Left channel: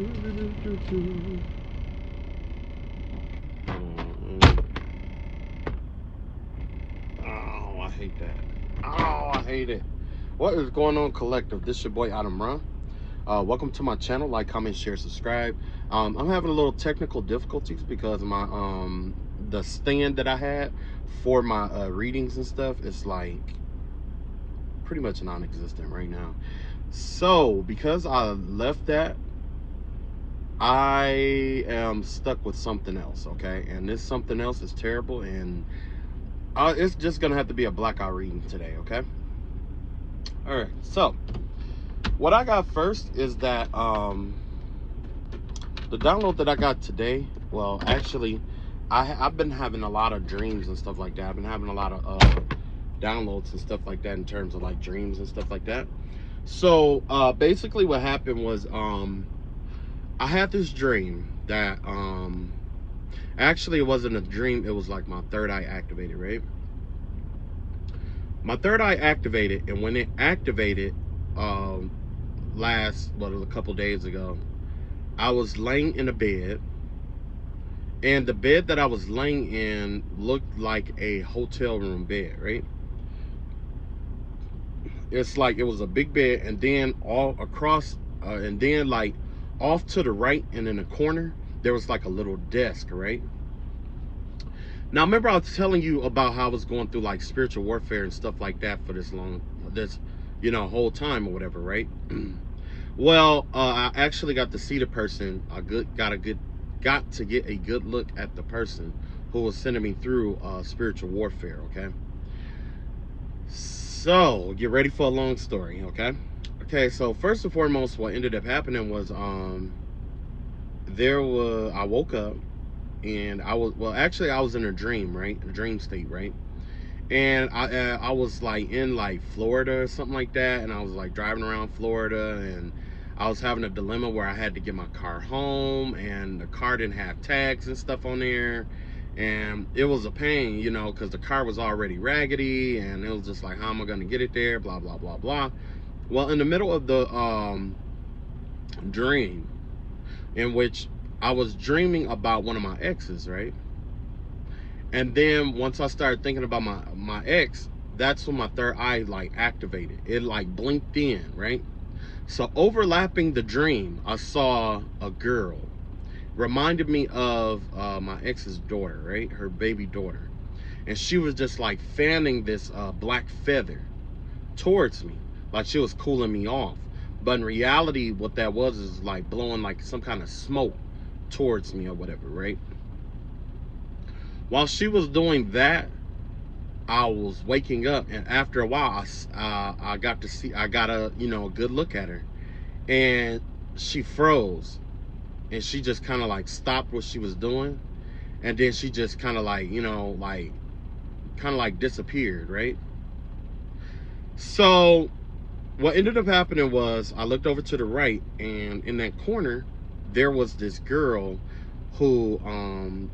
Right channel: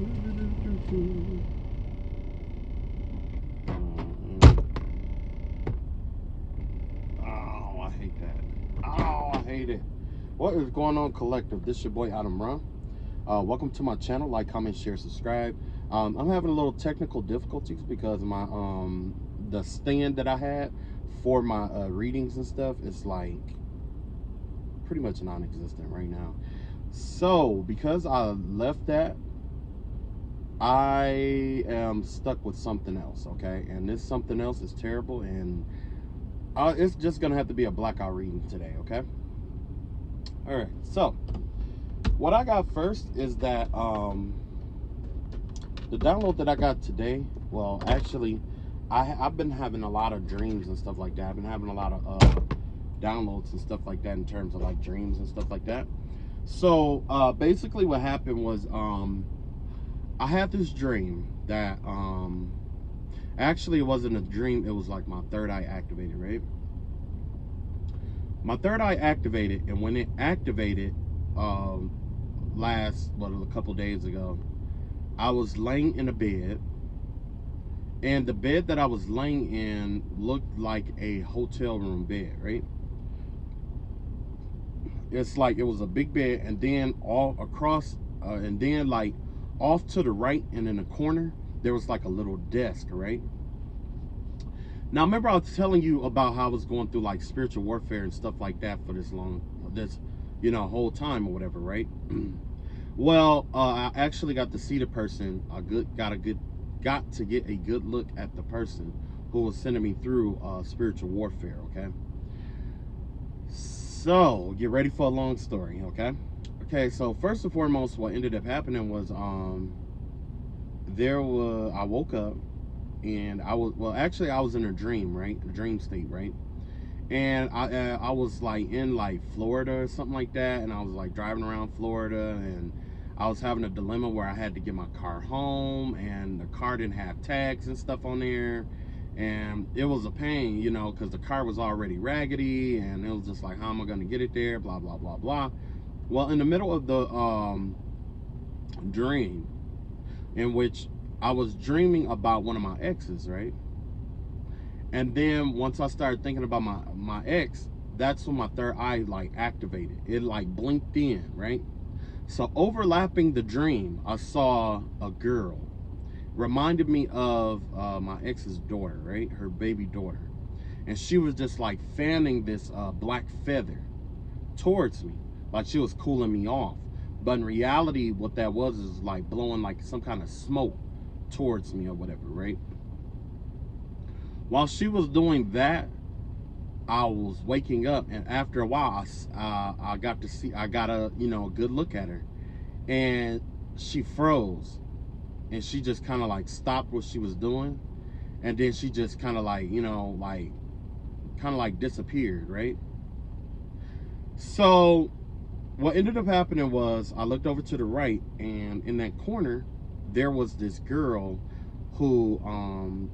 Oh, I hate that. Oh, I hate it. What is going on, collective? This your boy Adam Run. Welcome to my channel. Like, comment, share, subscribe. I'm having a little technical difficulties because my the stand that I had for my readings and stuff is like pretty much non-existent right now. So because I left that, I am stuck with something else. Okay, and this something else is terrible, and it's just gonna have to be a blackout reading today. Okay. All right. So what I got first is that the download that I got today, well, actually, I've been having a lot of dreams and stuff like that. I've been having a lot of downloads and stuff like that in terms of like dreams and stuff like that. So basically what happened was I had this dream that actually it wasn't a dream, it was like my third eye activated, right? My third eye activated, and when it activated a couple days ago, I was laying in a bed, and the bed that I was laying in looked like a hotel room bed, right? It's like it was a big bed, and then all across, and then like off to the right and in the corner, there was like a little desk, right? Now, remember I was telling you about how I was going through like spiritual warfare and stuff like that for this whole time or whatever, right? Well, I actually got to see the person. Got to get a good look at the person who was sending me through spiritual warfare. Okay. So get ready for a long story. Okay. Okay. So first and foremost, what ended up happening was I woke up, and I was in a dream, right? A dream state, right? And I was like in like Florida or something like that, and I was like driving around Florida, and I was having a dilemma where I had to get my car home, and the car didn't have tags and stuff on there, and it was a pain, because the car was already raggedy, and it was just like, how am I going to get it there, blah blah blah blah. Well, in the middle of the dream, in which I was dreaming about one of my exes, right? And then once I started thinking about my ex, that's when my third eye like activated. It like blinked in, right? So overlapping the dream, I saw a girl. Reminded me of my ex's daughter, right? Her baby daughter. And she was just like fanning this black feather towards me. Like she was cooling me off. But in reality, what that was is like blowing like some kind of smoke towards me or whatever, right? While she was doing that, I was waking up, and after a while, I got a good look at her, and she froze, and she just kind of like stopped what she was doing, and then she just kind of like disappeared, right? So what ended up happening was I looked over to the right, and in that corner, there was this girl who,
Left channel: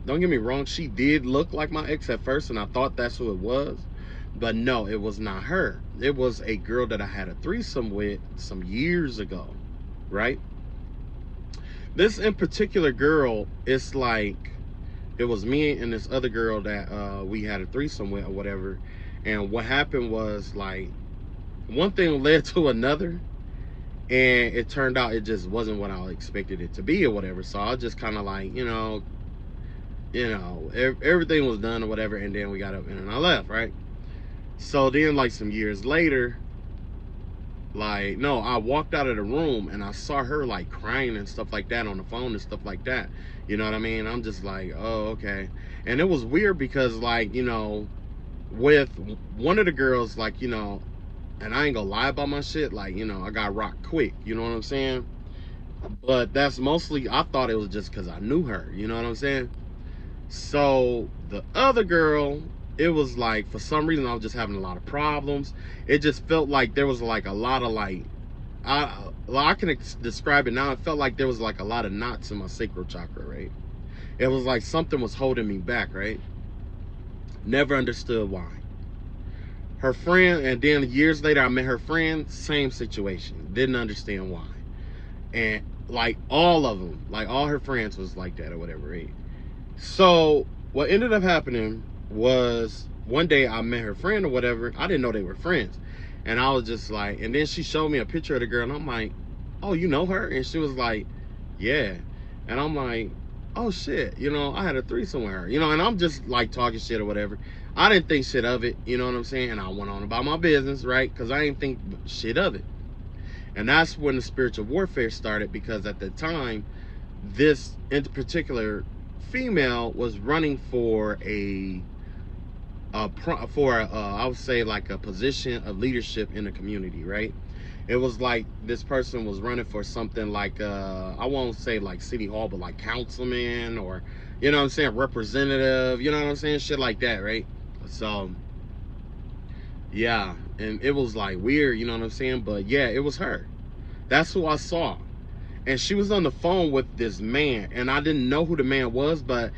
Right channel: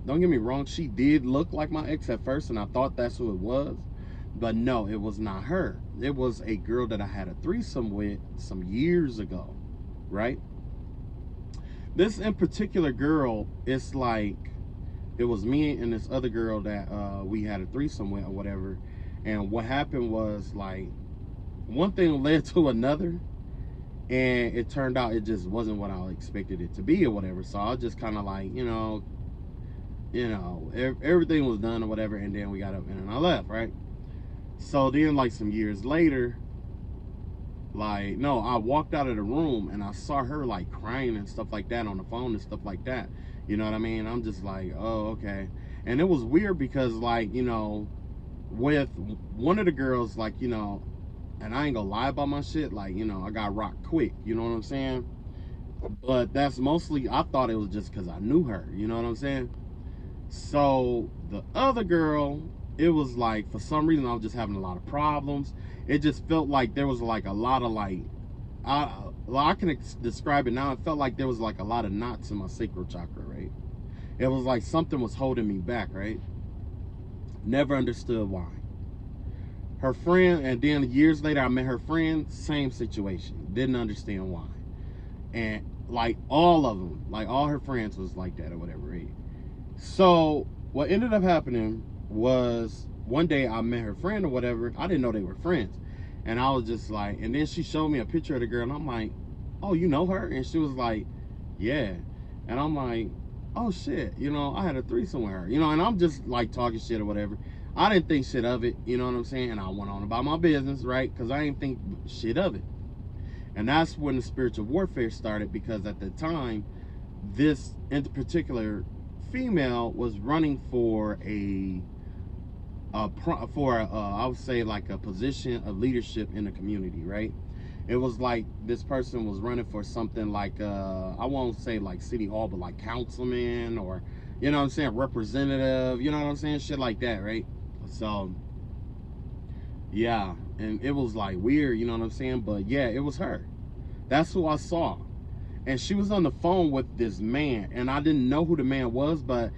don't get me wrong, she did look like my ex at first, and I thought that's who it was. But no, it was not her. It was a girl that I had a threesome with some years ago, right? This in particular girl, it's like, it was me and this other girl that we had a threesome with or whatever. And what happened was, like, one thing led to another, and it turned out it just wasn't what I expected it to be or whatever. So I just kind of like, everything was done or whatever, and then we got up and then I left, right? So then, like, some years later, like, no, I walked out of the room and I saw her like crying and stuff like that on the phone and stuff like that. You know what I mean? I'm just like, oh, okay. And it was weird because, like, with one of the girls, like, and I ain't gonna lie about my shit, like, I got rocked quick, you know what I'm saying? But that's mostly, I thought it was just because I knew her, you know what I'm saying? So the other girl, it was like, for some reason, I was just having a lot of problems. It just felt like there was like a lot of like, I can describe it now. It felt like there was like a lot of knots in my sacral chakra, right? It was like something was holding me back, right? Never understood why. Her friend, and then years later, I met her friend, same situation. Didn't understand why. And like all of them, like all her friends was like that or whatever, right? So what ended up happening was one day I met her friend or whatever. I didn't know they were friends. And I was just like, and then she showed me a picture of the girl, and I'm like, oh, you know her? And she was like, yeah. And I'm like, oh shit, you know, I had a threesome with her, you know, and I'm just like talking shit or whatever. I didn't think shit of it, you know what I'm saying? And I went on about my business, right? Because I didn't think shit of it. And that's when the spiritual warfare started, because at the time, this in particular female was running for I would say like a position of leadership in the community, right? It was like this person was running for something like I won't say like city hall, but like councilman, or you know what I'm saying, representative, you know what I'm saying, shit like that, right? So yeah, and it was like weird, you know what I'm saying, but yeah, it was her. That's who I saw. And she was on the phone with this man, and I didn't know who the man was, but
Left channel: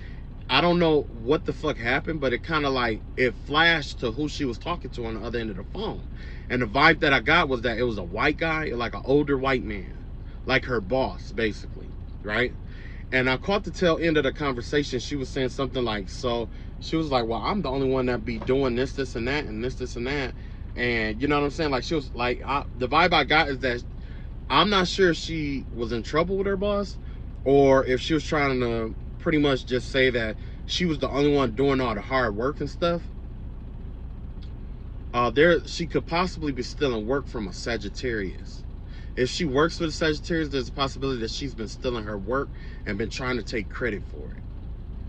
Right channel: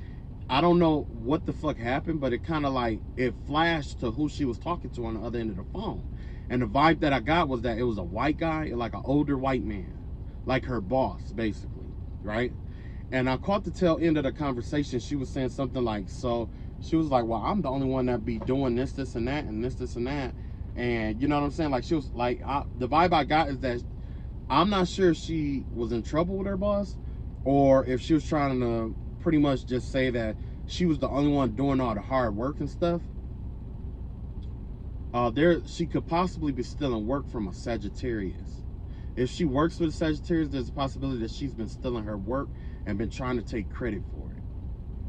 I don't know what the fuck happened, but it kind of like it flashed to who she was talking to on the other end of the phone. And the vibe that I got was that it was a white guy, like an older white man, like her boss, basically, right? And I caught the tail end of the conversation. She was saying something like, so she was like, well, I'm the only one that be doing this, this, and that, and this, and that. And you know what I'm saying? Like, she was like, the vibe I got is that I'm not sure if she was in trouble with her boss, or if she was trying to pretty much just say that she was the only one doing all the hard work and stuff. She could possibly be stealing work from a Sagittarius. If she works with a Sagittarius, there's a possibility that she's been stealing her work and been trying to take credit for it.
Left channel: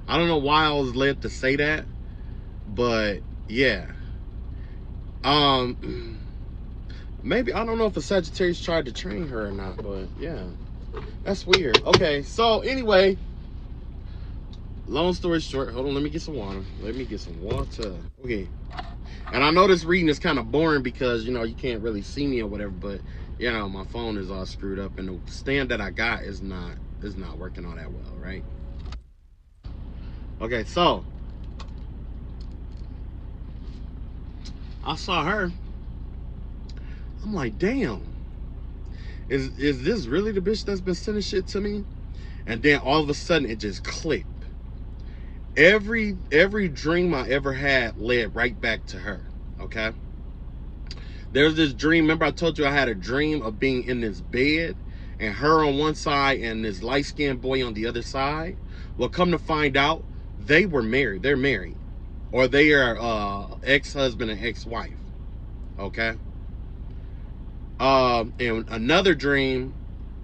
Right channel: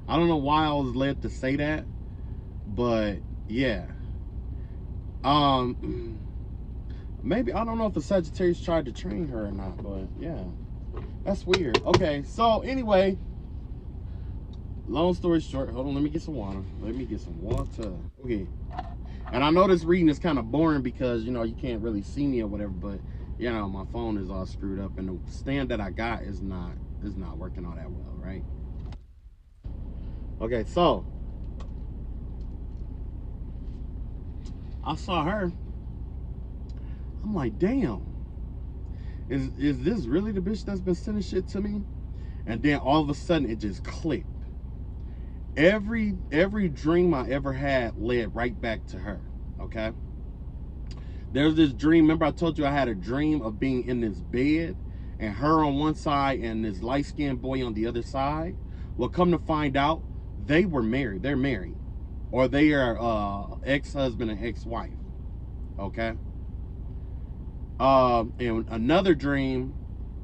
I don't know why I was led to say that, but yeah. Maybe, I don't know if the Sagittarius tried to train her or not, but yeah, that's weird. Okay, so anyway, long story short, hold on, let me get some water. Okay. And I know this reading is kind of boring because, you know, you can't really see me or whatever, but, you know, my phone is all screwed up, and the stand that I got is not working all that well, right? Okay, so I saw her. I'm like, damn, is this really the bitch that's been sending shit to me? And then all of a sudden it just clicked. Every dream I ever had led right back to her. Okay. There's this dream. Remember I told you I had a dream of being in this bed and her on one side and this light-skinned boy on the other side? Well, come to find out, they were married. They're married. Or they are ex-husband and ex-wife. Okay. In another dream,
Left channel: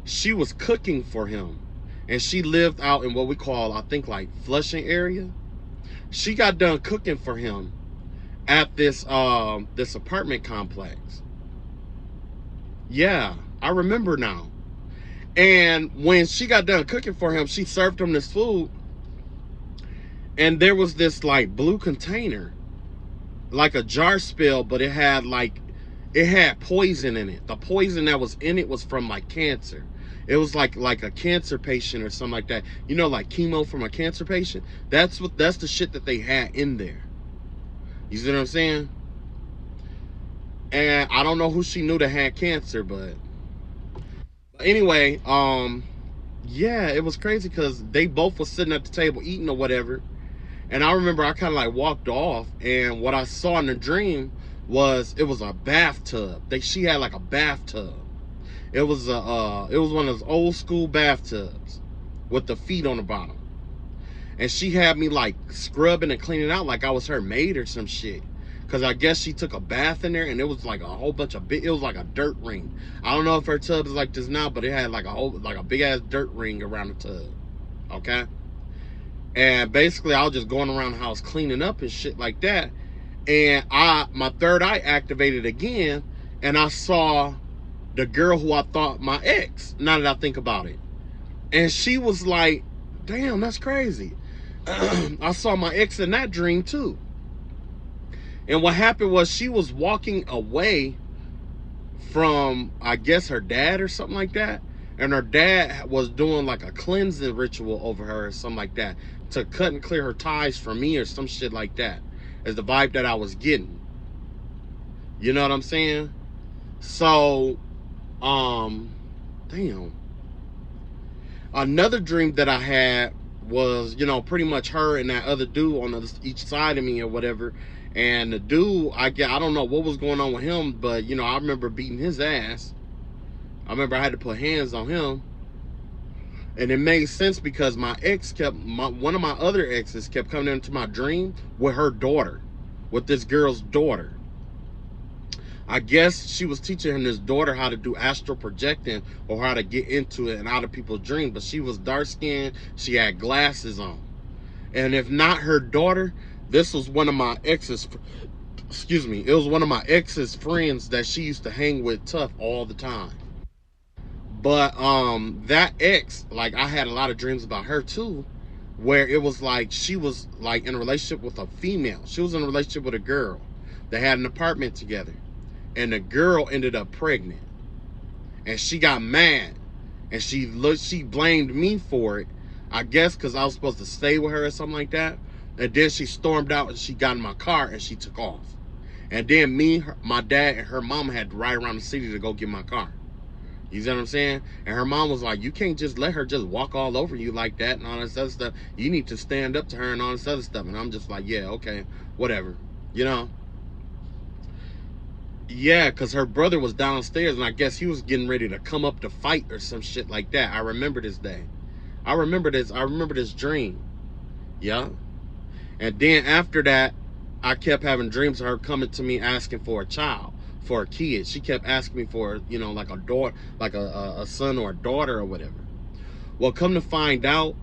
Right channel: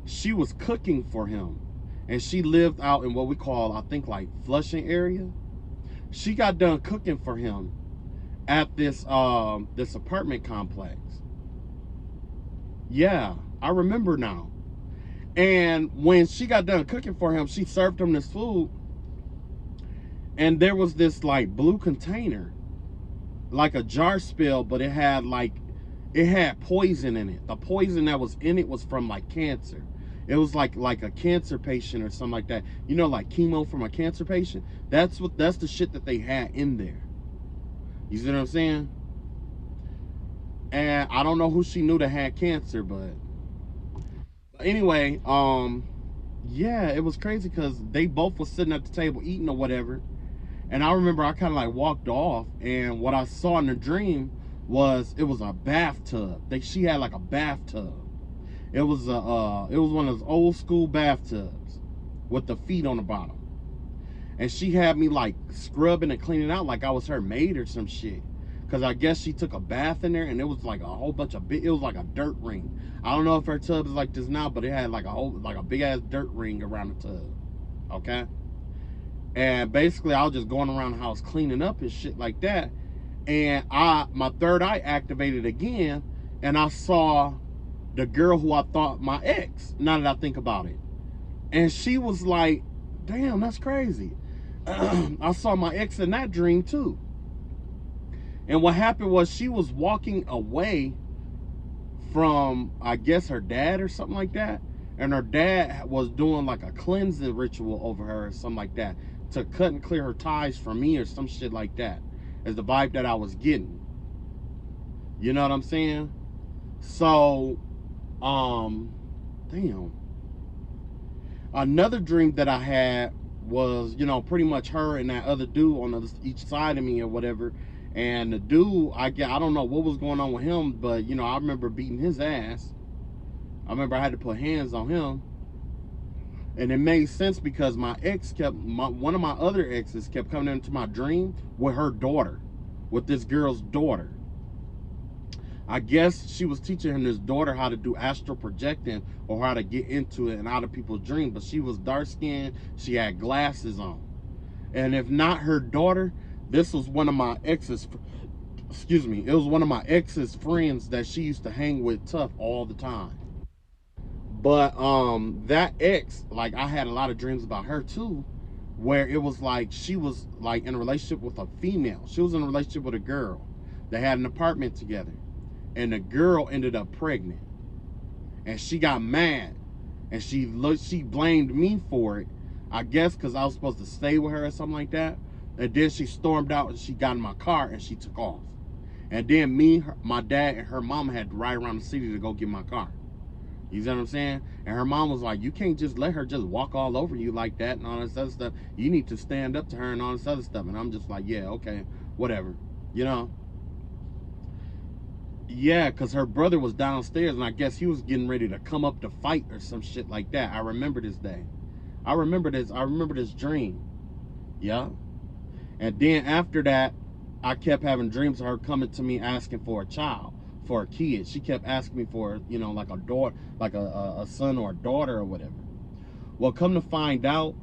she was cooking for him. And she lived out in what we call, I think, like Flushing area. She got done cooking for him at this apartment complex. Yeah, I remember now. And when she got done cooking for him, she served him this food, and there was this like blue container, like a jar spill, but it had poison in it. The poison that was in it was from like cancer. It was like a cancer patient or something like that. You know, like chemo from a cancer patient. That's the shit that they had in there. You see what I'm saying? And I don't know who she knew that had cancer, but anyway, yeah, it was crazy because they both were sitting at the table eating or whatever. And I remember I kind of like walked off, and what I saw in the dream was it was a bathtub. She had like a bathtub. It was one of those old school bathtubs with the feet on the bottom. And she had me like scrubbing and cleaning out like I was her maid or some shit. Cause I guess she took a bath in there, and it was like a whole bunch of it was like a dirt ring. I don't know if her tub is like this now, but it had like a big ass dirt ring around the tub. Okay. And basically I was just going around the house cleaning up and shit like that. And my third eye activated again, and I saw the girl who I thought my ex, now that I think about it. And she was like, damn, that's crazy. I saw my ex in that dream too. And what happened was she was walking away from, I guess, her dad or something like that. And her dad was doing like a cleansing ritual over her or something like that to cut and clear her ties from me or some shit like that, is the vibe that I was getting. You know what I'm saying? So, damn. Another dream that I had was, pretty much her and that other dude on each side of me or whatever. And the dude, I don't know what was going on with him, but I remember beating his ass. I remember I had to put hands on him, and it made sense because my ex one of my other exes kept coming into my dream with her daughter, with this girl's daughter. I guess she was teaching his daughter how to do astral projecting or how to get into it and out of people's dreams. But she was dark skinned, she had glasses on. And if not her daughter, this was one of my ex's, excuse me, it was one of my ex's friends that she used to hang with tough all the time. But that ex, like, I had a lot of dreams about her too, where it was like she was like in a relationship with a female. She was in a relationship with a girl. They had an apartment together. And the girl ended up pregnant. And she got mad. And she blamed me for it. I guess because I was supposed to stay with her or something like that. And then she stormed out and she got in my car and she took off. And then me, my dad, and her mom had to ride around the city to go get my car. You see what I'm saying? And her mom was like, you can't just let her just walk all over you like that and all this other stuff. You need to stand up to her and all this other stuff. And I'm just like, yeah, okay, whatever. Yeah, because her brother was downstairs, and I guess he was getting ready to come up to fight or some shit like that. I remember this day. I remember this dream. Yeah. And then after that, I kept having dreams of her coming to me asking for a child, for a kid. She kept asking me for, like a daughter, like a son or a daughter or whatever. Well, come to find out,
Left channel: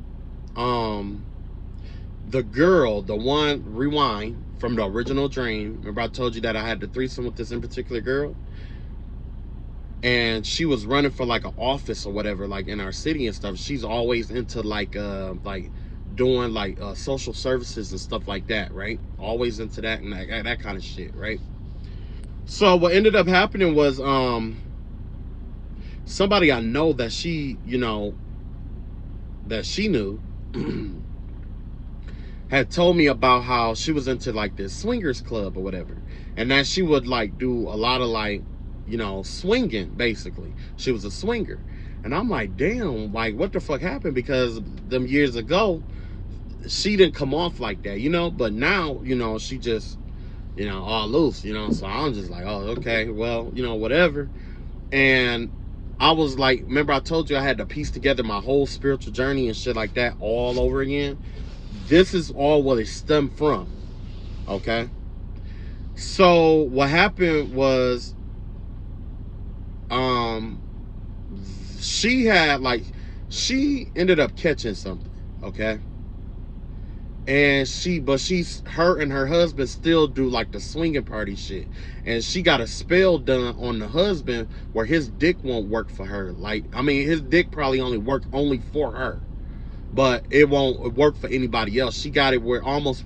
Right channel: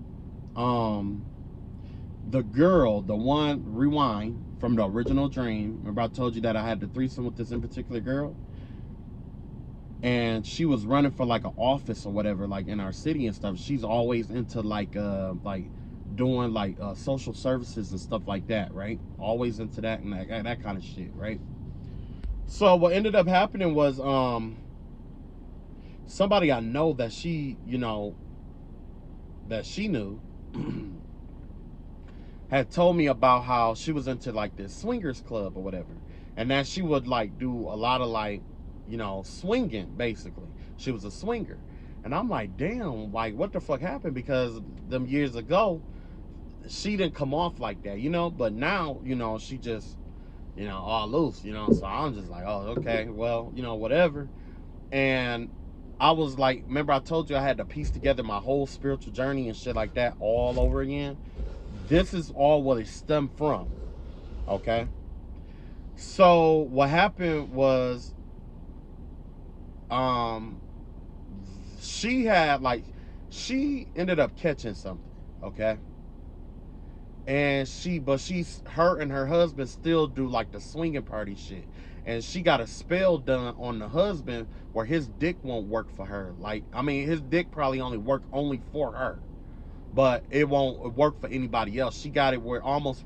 the girl, the one, rewind, from the original dream. Remember I told you that I had the threesome with this in particular girl? And she was running for like an office or whatever, like in our city and stuff. She's always into like doing like social services and stuff like that, right? Always into that and that kind of shit, right? So what ended up happening was somebody I know that she, that she knew had told me about how she was into like this swingers club or whatever, and that she would like do a lot of like, swinging. Basically, she was a swinger. And I'm like, damn, like what the fuck happened? Because them years ago she didn't come off like that, but now, she just, all loose, so I'm just like, oh, okay, well, whatever. And I was like, remember I told you I had to piece together my whole spiritual journey and shit like that all over again? This is all what it stemmed from, okay? So what happened was, she ended up catching something, okay? And her and her husband still do like the swinging party shit. And she got a spell done on the husband where his dick won't work for her. Like, I mean, his dick probably only for her, but it won't work for anybody else. She got it where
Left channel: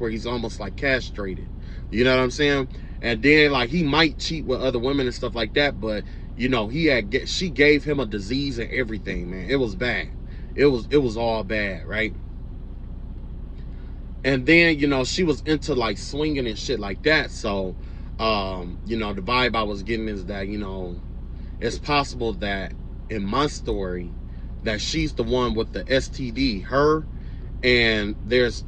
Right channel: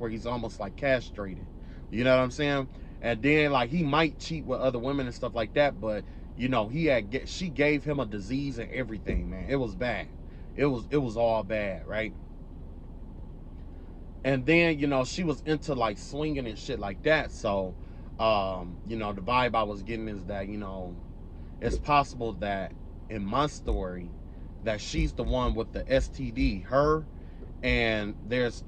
he's almost like castrated. You know what I'm saying? And then like he might cheat with other women and stuff like that, but she gave him a disease and everything, man. It was bad. It was all bad, right? And then, she was into like swinging and shit like that. So, the vibe I was getting is that, it's possible that in my story that she's the one with the STD, her, and there's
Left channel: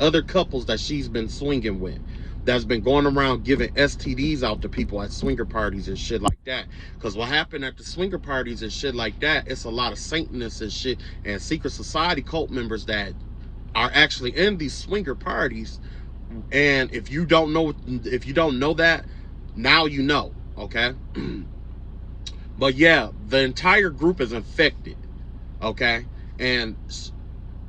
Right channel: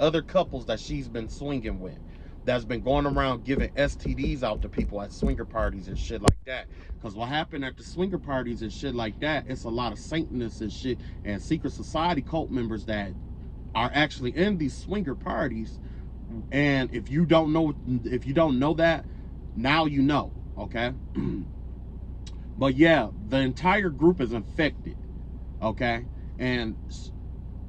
other couples that she's been swinging with that's been going around giving STDs out to people at swinger parties and shit like that. Because what happened at the swinger parties and shit like that, it's a lot of Satanists and shit and secret society cult members that are actually in these swinger parties. And if you don't know that, now you know, okay? But yeah, the entire group is infected, okay? And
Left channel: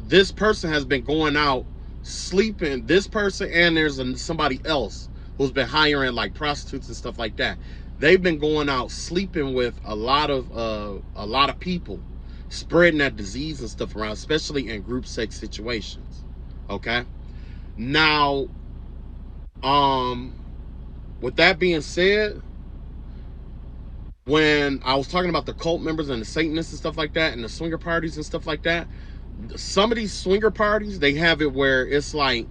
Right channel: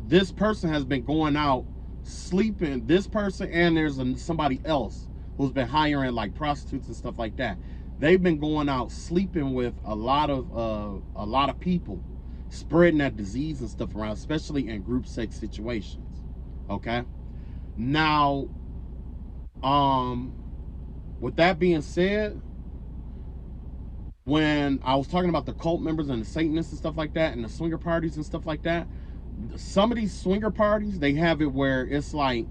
this person has been going out sleeping, this person, and there's somebody else who's been hiring like prostitutes and stuff like that. They've been going out sleeping with a lot of people, spreading that disease and stuff around, especially in group sex situations, okay? Now, with that being said, when I was talking about the cult members and the Satanists and stuff like that and the swinger parties and stuff like that, some of these swinger parties, they have it where it's like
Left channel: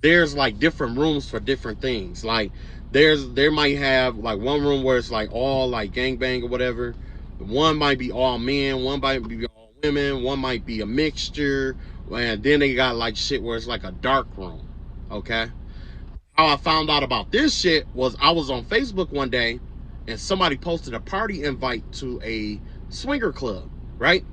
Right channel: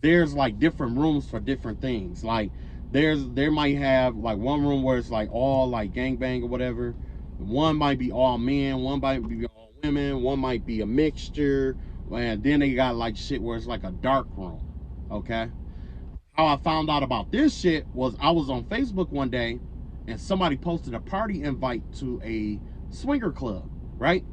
there's like different rooms for different things. Like they might have like one room where it's like all like gangbang or whatever. One might be all men, one might be all women, one might be a mixture, and then they got like shit where it's like a dark room. Okay. How I found out about this shit was I was on Facebook one day and somebody posted a party invite to a swinger club, right?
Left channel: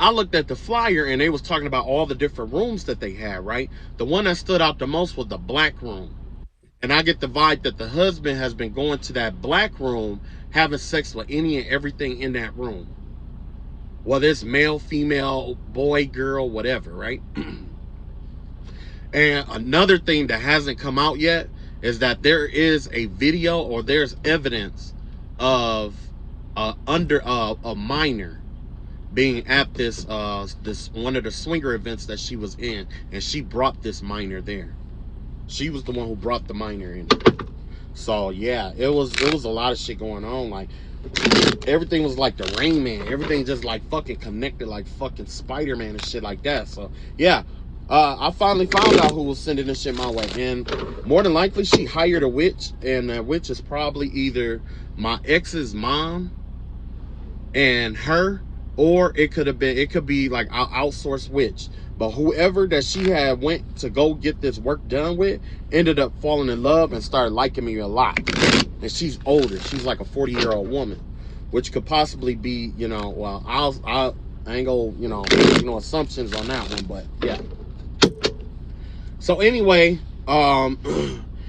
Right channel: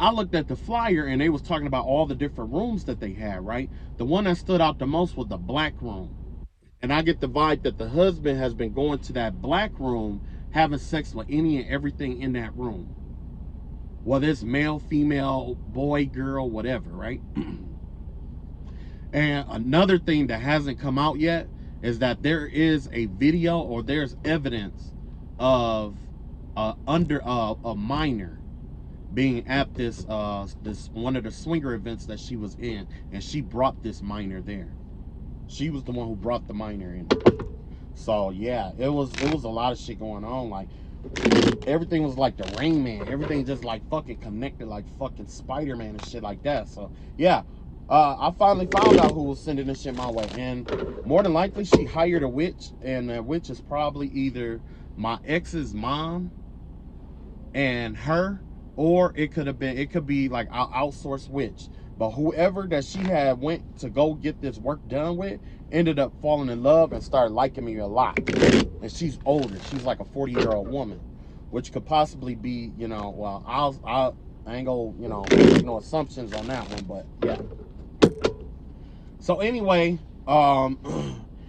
I looked at the flyer and they was talking about all the different rooms that they had, right? The one that stood out the most was the black room. And I get the vibe that the husband has been going to that black room, having sex with any and everything in that room. Whether it's male, female, boy, girl, whatever, right? And another thing that hasn't come out yet is that there is a video or there's evidence of a minor being at this one of the swinger events that she was in, and she brought this minor there. She was the one who brought the minor in. So yeah, it was a lot of shit going on. Like everything was like the Rain Man. Everything just like fucking connected like fucking Spider-Man and shit like that. So yeah, I finally found out who was sending this shit my way, and more than likely she hired a witch, and that witch is probably either my ex's mom and her, or it could be like an outsourced witch. But whoever that she had went to go get this work done with ended up falling in love and started liking me a lot. And she's older. She's like a 40-year-old woman, which could possibly be, you know, well, I ain't gonna, you know, make no assumptions on that one, but yeah. So anyway,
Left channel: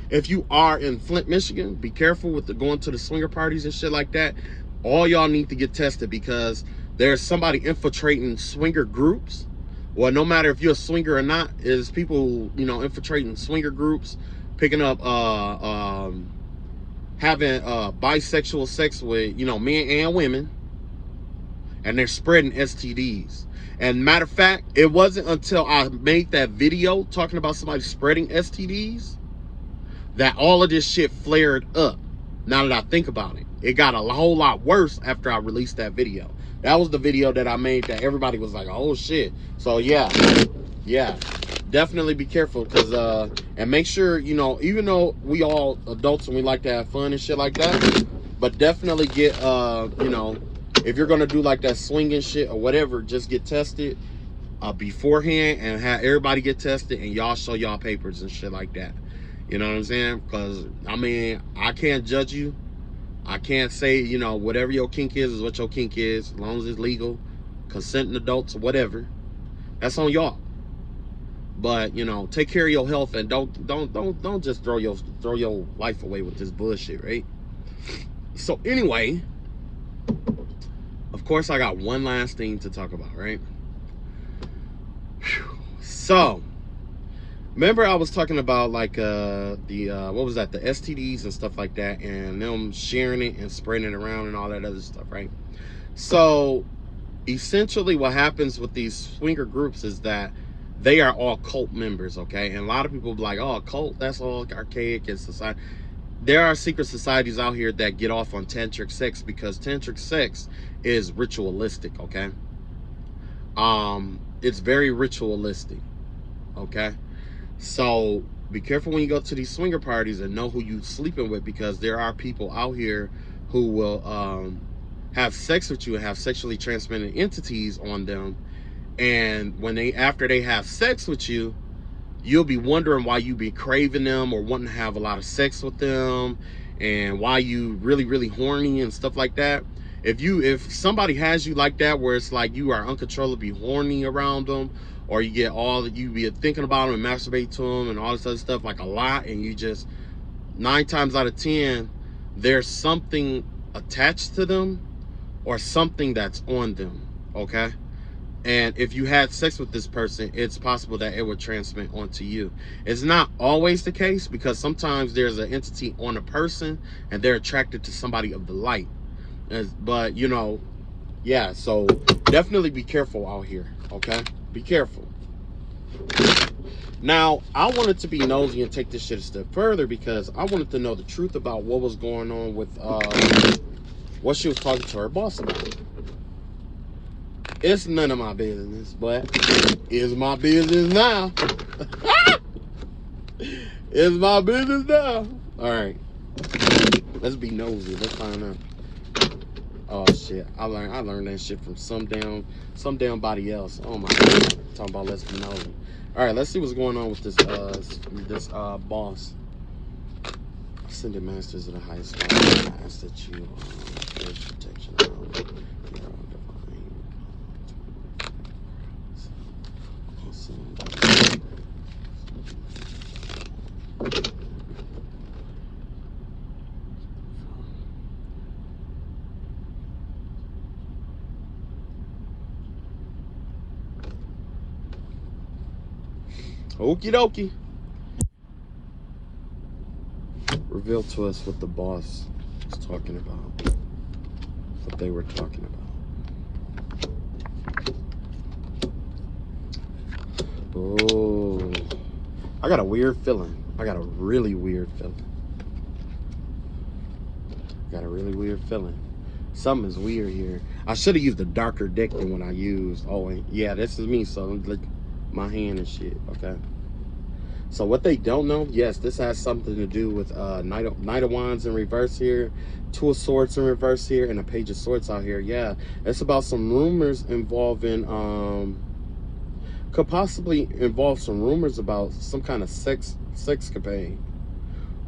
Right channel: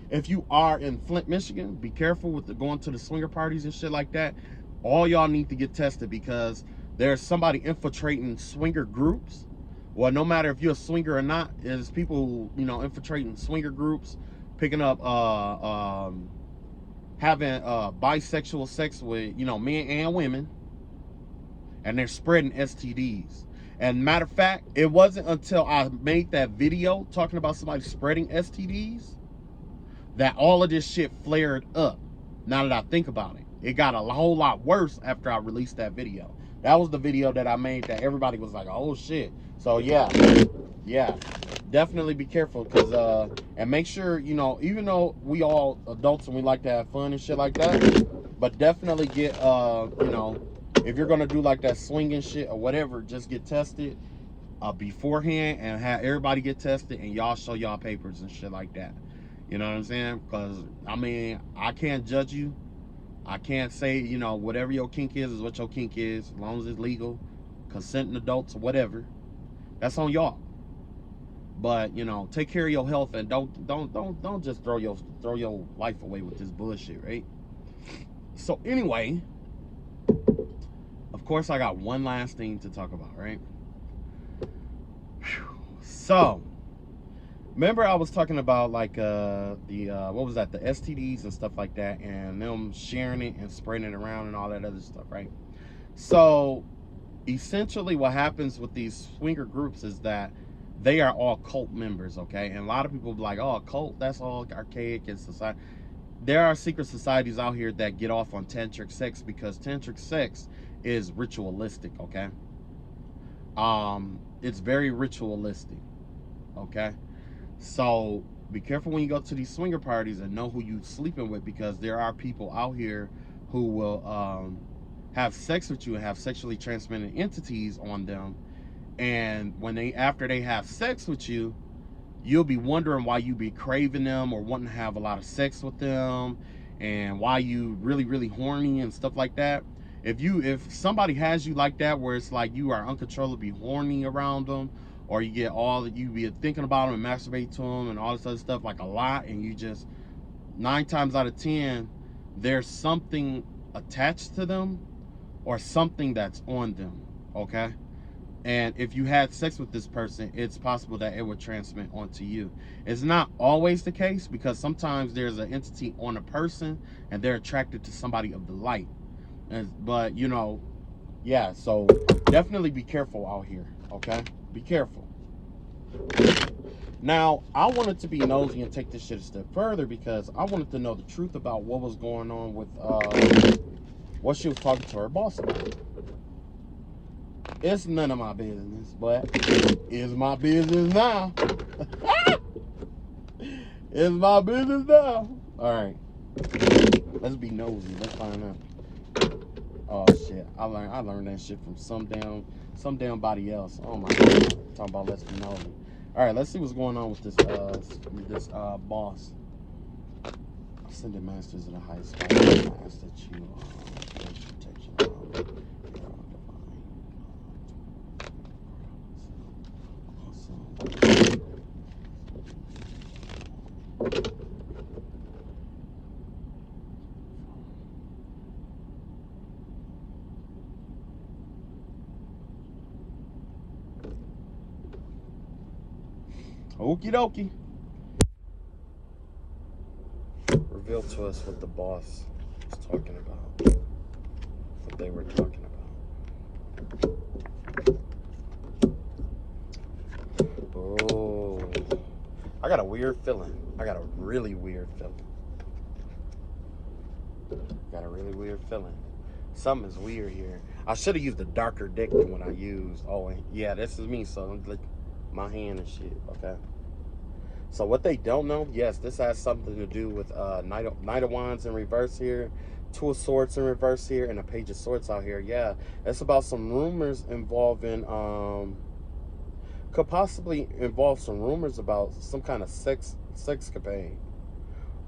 if you are in Flint, Michigan, be careful with going to the swinger parties and shit like that. All y'all need to get tested because there's somebody infiltrating swinger groups. Well, no matter if you're a swinger or not, is people, you know, infiltrating swinger groups, picking up, having bisexual sex with, you know, men and women, and they're spreading STDs. And matter of fact, it wasn't until I made that video talking about somebody spreading STDs that all of this shit flared up. Now that I think about it, it got a whole lot worse after I released that video. That was the video that I made that everybody was like, oh shit. So yeah, definitely be careful, because and make sure, you know, even though we all adults and we like to have fun and shit like that, but definitely get you know, if you're gonna do like that swinging shit or whatever, just get tested beforehand, and have everybody get tested, and y'all show y'all papers and shit like that. You know what I'm saying? Because I mean, I can't judge you. I can't say, you know, whatever your kink is what your kink is, as long as it's legal, consenting adults or whatever. That's on y'all. But you know, take care of your health, and don't just throw your life away with this bullshit, right? So anyway, of course I got one last thing to talk about, right? So remember I was talking about like what was that, the STDs and stuff like that, and them sharing it and spreading it around and all that other stuff, right? So essentially what happens with these swinger groups is that they are all cult members, okay? And a lot of people be like, oh, cult, that's all archaic and society. There are secret societies out here that get off on tantric sex, because tantric sex is ritualistic, okay? It's very ritualistic, okay? So be careful when you go to these swinger parties, and know who you sleeping with, because there are people out here who will have sex with you and have sexually transmitted entities on them. And when after they have sex with you, you'll be wondering why you be craving them or wanting to have a lot of sex with them, and why you really horny and stuff like that. If somebody has you like that, where it's like you are uncontrollably horny around them, or you get you be thinking about them and masturbate to them and all this other stuff like a lot, and you just 9 times out of 10 there's something attached to them or something that's on them, okay? And if you had sex with this person, it's possible that it would transmit onto you. It's not always the case, because sometimes there's an entity on a person and they're attracted to somebody of the light. But you know, yeah, so definitely be careful out here, okay? Be careful. Now, I wanted to be nosy and take this shit a step further, because I wanted to know the truth about what was going on with what she was talking to her boss about. It's none of my business, but it's my business now. It's my business now. All right, let's be nosy. Let's find out. Oh shit! I learned that shit from some damn body else. Oh my god! Talking about let's be known. All right, let's see what's going on with this boss. Ascended Masters of the High School. Ask that you protection. Okie dokie. Reveal to us what the boss was talking about. What they were talking about. Oh, I got a weird feeling. I got a really weird feeling. Something's weird here. I should have used a darker deck than what I used. Oh, yeah, this is me. So like my hand and shit. Okay. So what they don't know, yes, this has something to do with Knight of Wands in reverse here, Two of Swords in reverse here, and a Page of Swords out here. Yeah, it's about some rumors involving, could possibly involve some rumors about some kind of sex capade,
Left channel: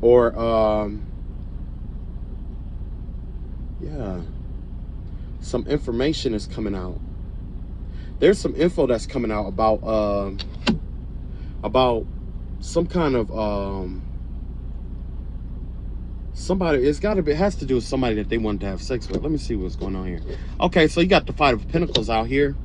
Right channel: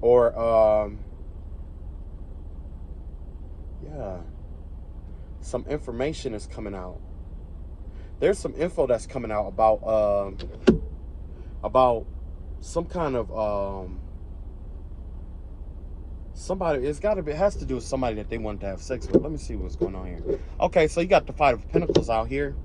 or yeah, some information is coming out. There's some info that's coming out about some kind of somebody. It has to do with somebody that they wanted to have sex with. Let me see what's going on here. Okay, so you got the Five of Pinnacles out here,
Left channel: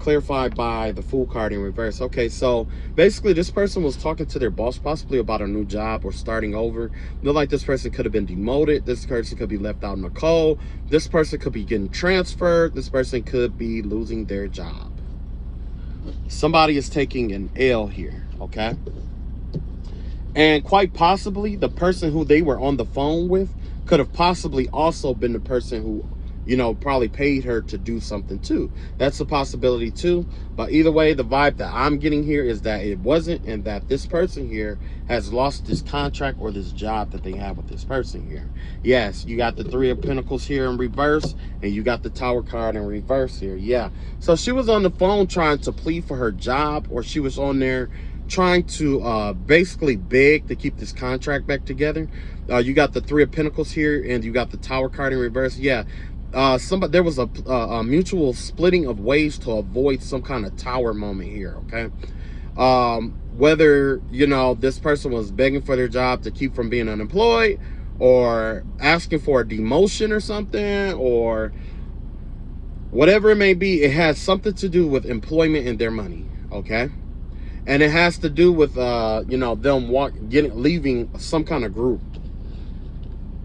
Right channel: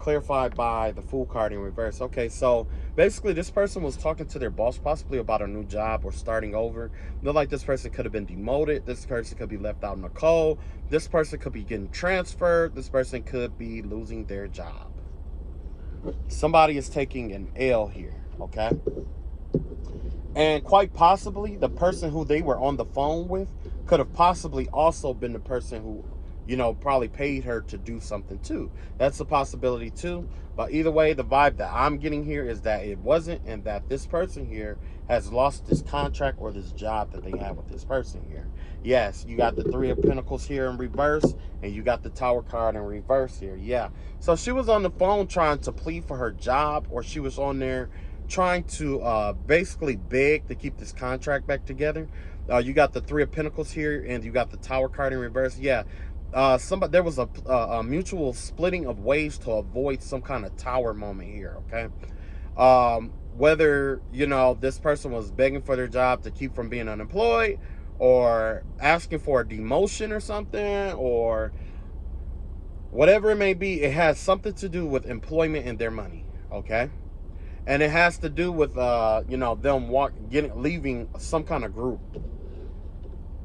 clarified by the Fool card in reverse. Okay, so basically this person was talking to their boss possibly about a new job or starting over. Look like this person could have been demoted. This person could be left out in the cold. This person could be getting transferred. This person could be losing their job. Somebody is taking an L here, okay? And quite possibly the person who they were on the phone with could have possibly also been the person who, you know, probably paid her to do something too. That's a possibility too. But either way, the vibe that I'm getting here is that it wasn't, and that this person here has lost this contract or this job that they have with this person here. Yes, you got the Three of Pentacles here in reverse, and you got the Tower card in reverse here. Yeah. So she was on the phone trying to plead for her job, or she was on there trying to basically beg to keep this contract back together. You got the Three of Pentacles here, and you got the Tower card in reverse. Yeah. There was a mutual splitting of ways to avoid some kind of tower moment here, okay? Whether, you know, this person was begging for their job to keep from being unemployed, or asking for a demotion or something, or whatever it may be, it has something to do with employment and their money, okay? And it has to do with, you know, them leaving some kind of group.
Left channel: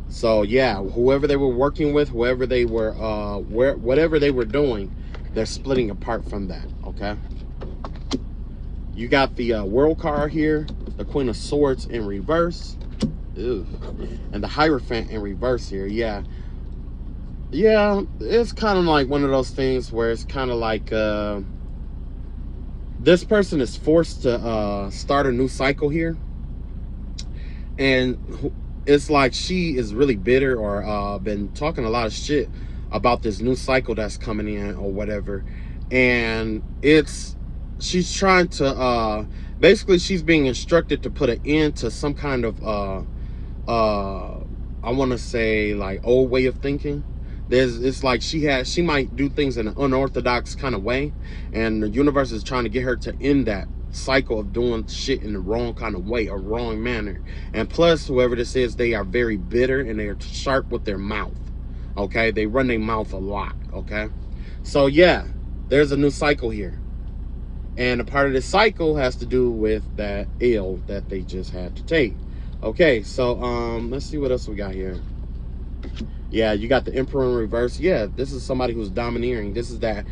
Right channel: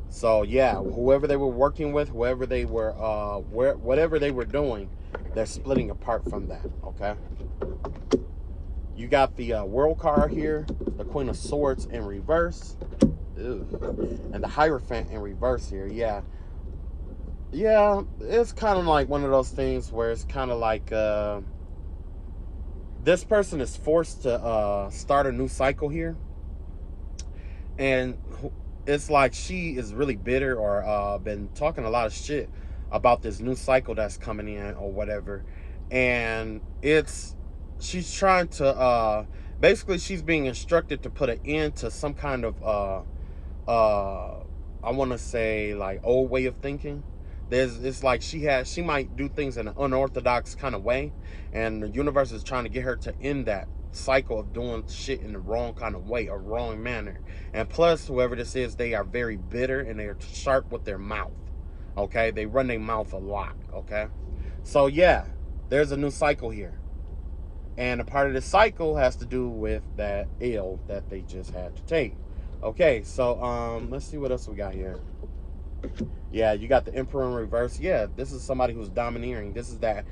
So yeah, whoever they were working with, whoever they were, whatever they were doing, they're splitting apart from that, okay? You got the World card here, the Queen of Swords in reverse, ew, and the Hierophant in reverse here. Yeah, it's kind of like one of those things where it's kind of like this person is forced to start a new cycle here, and it's like she is really bitter, or been talking a lot of shit about this new cycle that's coming in or whatever. And she's trying to basically she's being instructed to put an end to some kind of I want to say like old way of thinking. It's like she might do things in an unorthodox kind of way, and the universe is trying to get her to end that cycle of doing shit in the wrong kind of way, or wrong manner. And plus, whoever this is, they are very bitter, and they are sharp with their mouth, okay? They run their mouth a lot, okay? So yeah, there's a new cycle here, and a part of the cycle has to do with that L that they just had to take. Okay, so let's see what else we got here. Yeah, you got the Emperor in reverse. Yeah, this is somebody who's domineering. This is that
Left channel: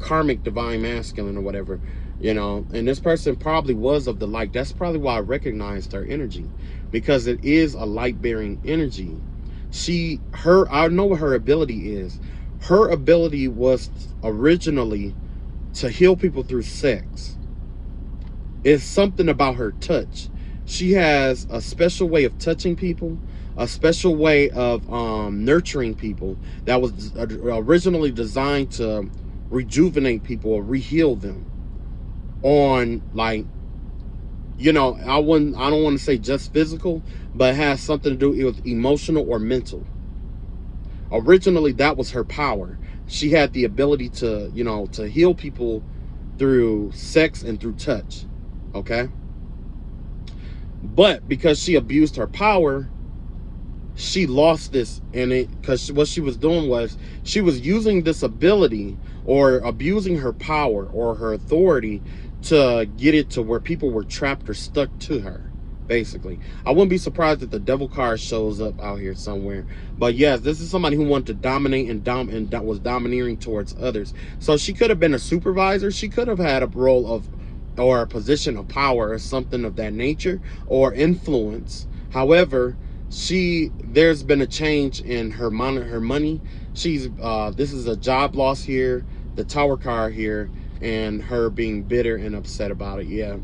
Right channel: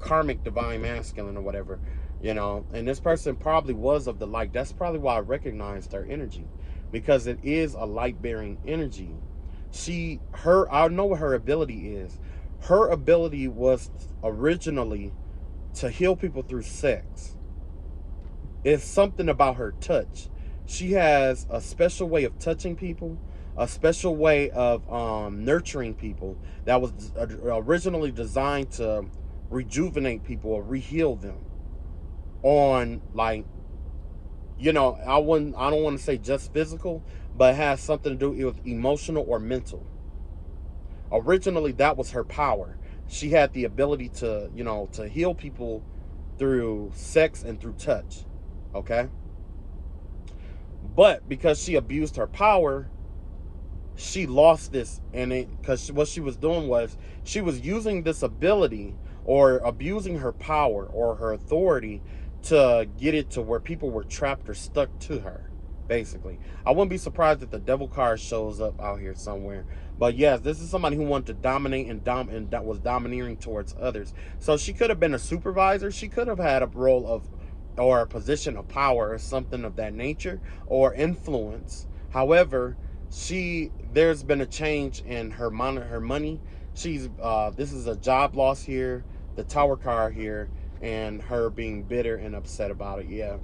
karmic divine masculine or whatever, you know. And this person probably was of the light. That's probably why I recognized her energy, because it is a light-bearing energy. I know what her ability is. Her ability was originally to heal people through sex. It's something about her touch. She has a special way of touching people, a special way of nurturing people that was originally designed to rejuvenate people or re-heal them on, like, you know, I don't want to say just physical, but it has something to do with emotional or mental. Originally, that was her power. She had the ability to, you know, to heal people through sex and through touch. Okay? But because she abused her power, she lost this, and it, because what she was doing was she was using this ability or abusing her power or her authority to get it to where people were trapped or stuck to her, basically. I wouldn't be surprised if the devil card shows up out here somewhere. But yes, this is somebody who wanted to dominate and was domineering towards others. So she could have been a supervisor. She could have had a role of, or a position of power or something of that nature, or influence. However, there's been a change in her money. She's this is a job loss here, the tower card here, and her being bitter and upset about it. Yeah.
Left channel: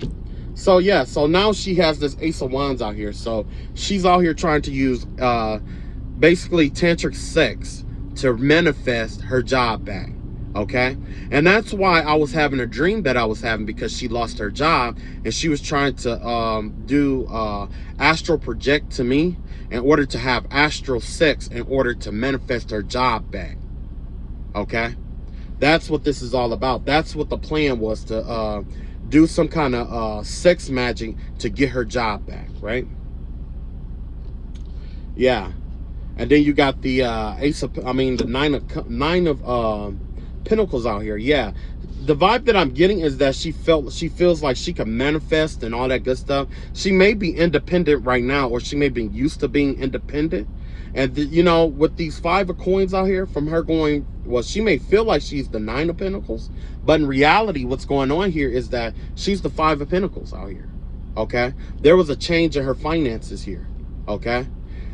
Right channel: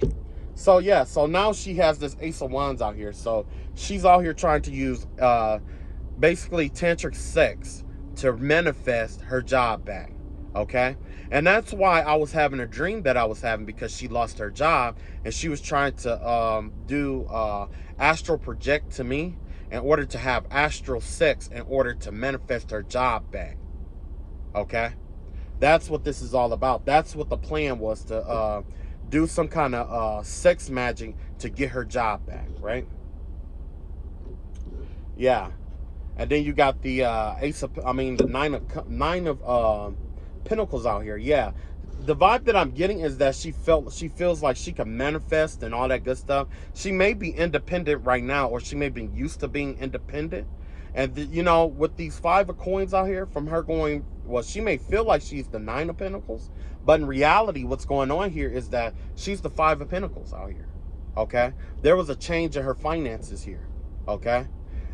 So yeah, so now she has this Ace of Wands out here. So she's out here trying to use basically tantric sex to manifest her job back. Okay, and that's why I was having a dream that I was having, because she lost her job and she was trying to do astral project to me in order to have astral sex in order to manifest her job back. Okay, that's what this is all about. That's what the plan was, to do some kind of sex magic to get her job back, right? Yeah. And then you got the the nine of Pinnacles out here. Yeah, the vibe that I'm getting is that she feels like she can manifest and all that good stuff. She may be independent right now, or she may be used to being independent. And you know, with these 5 of coins out here, from her going, well, she may feel like she's the 9 of Pentacles, but in reality, what's going on here is that she's the 5 of Pentacles out here. Okay, there was a change in her finances here. Okay.